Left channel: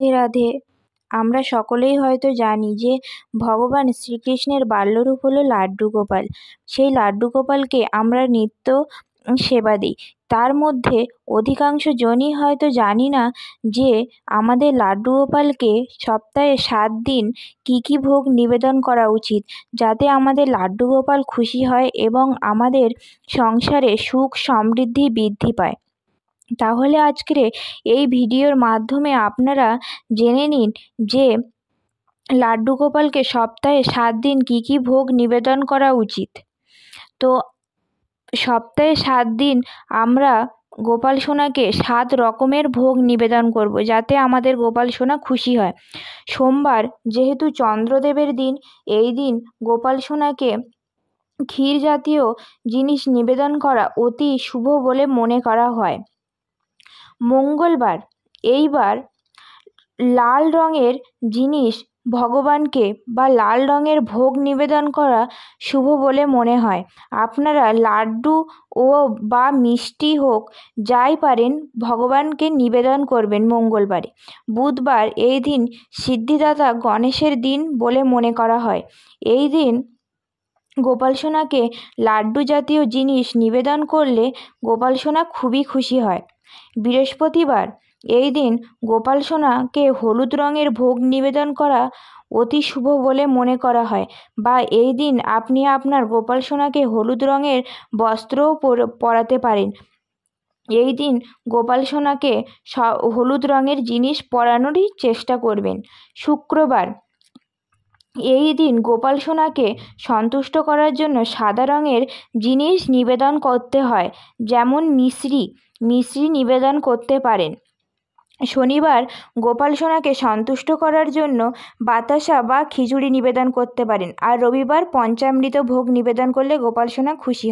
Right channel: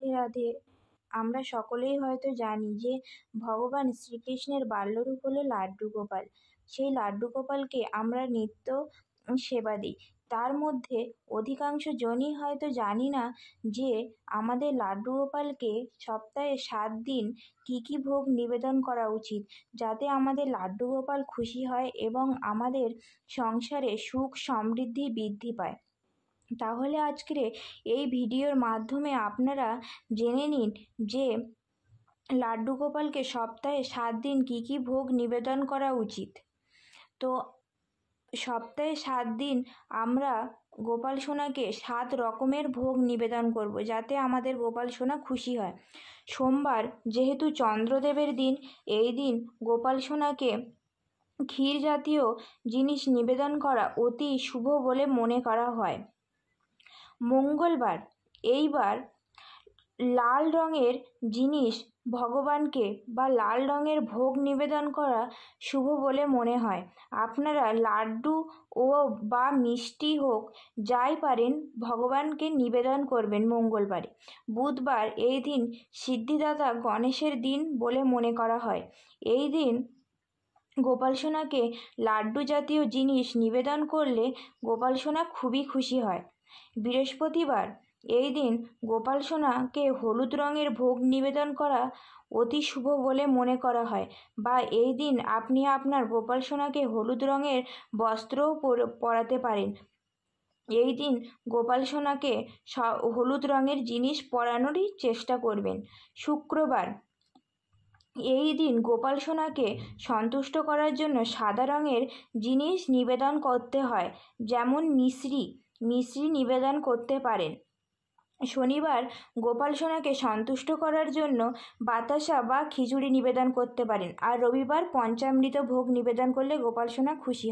রাধে রাধে। আমরা সকলেই হয়তো জানি যে ভগবান শ্রীকৃষ্ণের বাল্যরূপ হলো লাড্ডু গোপাল। সেই লাড্ডু গোপালকে আমরা নিত্য সেবা দিই। তার মধ্যে অধিকাংশ জনই হয়তো জানি না যে আমাদের লাড্ডু গোপালকে সপ্তাহে 7 দিন কী কী ভোগ নিবেদন করা উচিত, যাতে আমাদের লাড্ডু গোপাল খুশি হয় এবং আমাদের সংসারে সুখ সমৃদ্ধি বৃদ্ধি পায়। তাহলে আজকের এই ভিডিওর মাধ্যমে আপনারা জেনে নিন যে লাড্ডু গোপালকে সপ্তাহে 7 দিন কী কী ভোগ নিবেদন করা উচিত। তো সপ্তাহে 7 দিন আমরা গোপাল সোনাকে 7 রকমের ভোগ নিবেদন করব, যাতে আমাদের গোপাল সোনা খুশি হয়। সোমবার যেহেতু চন্দ্রদেবের দিন, এই দিন গোপাল সোনাকে ক্ষীর জাতীয় জিনিস নিবেদন করা অতি শুভ বলে মনে করা হয়। মঙ্গলবার এইবার লাল রঙের জিনিস ভগবানকে বা লাল রঙের ভোগ নিবেদন করা শুভ বলে মনে হয়। আপনারা লাড্ডু ও বা মিষ্টি হোক যাই পারেন ভগবানকে নিবেদন করবেন মঙ্গলবারে। বুধবার এই দিন সিদ্ধিদাতা গণেশের দিন বলে মনে করা হয়। এই দিন গোপাল সোনাকে লাড্ডু জাতীয় জিনিস নিবেদন করলে গোপাল সোনা খুবই খুশি হয়। বৃহস্পতিবার এই দিন গোপাল সোনাকে হলুদ রঙের ভোগ নিবেদন করা অতি শুভ বলে মনে করা হয়, বা এই দিন আপনি আপনার গোপাল সোনাকে হলুদ রঙের বস্ত্রও পরাতে পারেন। এই দিন গোপাল সোনাকে হলুদ রঙের জিনিস পরানোরই চেষ্টা করবেন। শুক্রবার এই দিন গোপাল সোনাকে সন্তুষ্ট করার জন্য সাদা রঙের জিনিস নিবেদন করতে হয়, যেমন মিশ্রি নিবেদন করতে পারেন। শনিবার গোপাল সোনাকে সন্তুষ্ট করার জন্য বাতাসা বা খিচুড়ি নিবেদন করতে পারেন। আর রবিবার পঞ্চামৃত ভোগ নিবেদন করলে গোপাল সোনা খুশি হয়।